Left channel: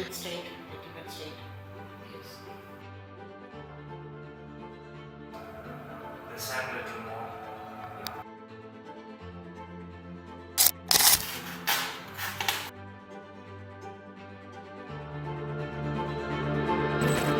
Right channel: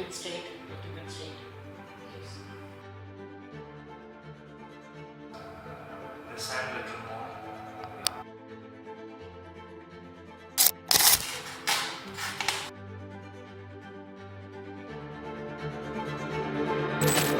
it straight, little bit straight. Yes. This hand little more. Yeah.